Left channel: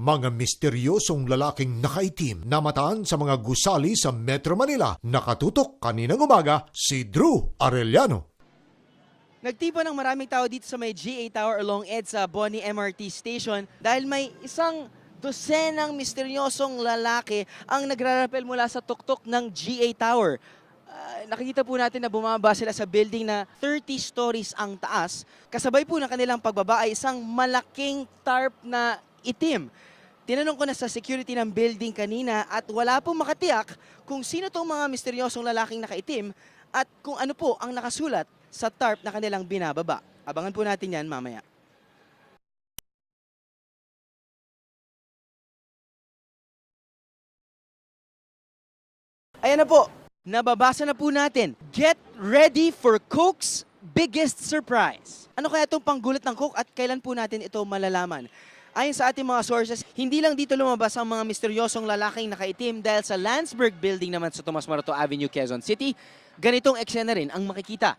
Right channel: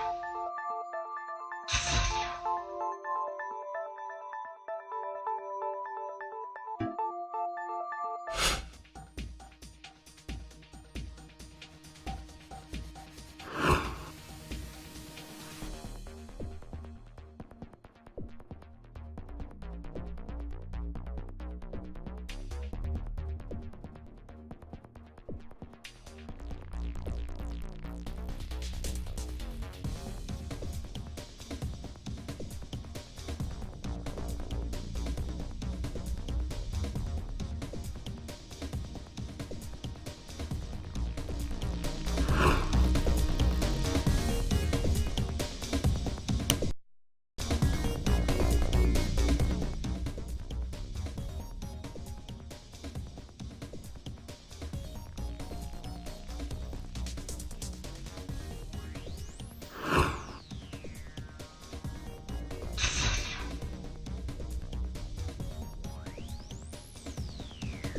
Mga misteryosong lalaking nakaitim na mataan sa mga gusali sa Metro Manila. Nakatutok kaninang umaga si Drew Arellano. Nagtipo ng maraming tao dito sa may GA Tower along EDSA Boni MRT Station dahil may isang dosenang misteryosong lalaki ang nagrarapel mula sa tuktok ng GA Tower. Nakikita po natin na bumaba sila sa building na 30 stories ang taas. Kasabay po ng kanilang pagbaba ay isang malaking tarp na itim. Tinanong ko na sa security ng building kanina at wala pong makatiyak kung sino itong mga misteryosong lalaking nakaitim at kung ano po ang nakasulat sa tarp na kanilang binababa. Abangan po natin yan mamaya. Ayan na po, nababasa na po natin. Get ready for Coke's biggest surprise. Ano kaya itong panggulat ng Coke at kailan po natin ito malalaman? Ayon sa ating mga sources, hindi lang dito lumabas ang mga misteryosong lalaking nakaitim dahil sa Landsberg Building naman sa Tomas Morato Avenue, Quezon City, ganitong eksena rin ang makikita.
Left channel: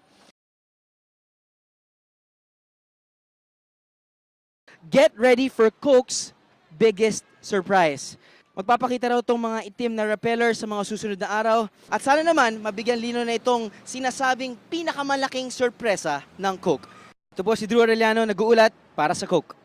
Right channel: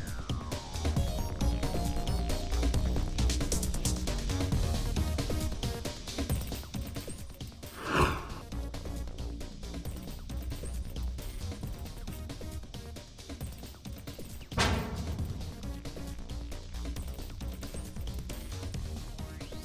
Get ready for Coke's biggest surprise. Magpapakita raw itong mga itim na repeller sa mga susunod na araw at sana naman mabigyan lino na itong sinasabing pinakamalaking sorpresa ng Coke. Ito po si Drew Arellano, nag-uulat para sa Coke.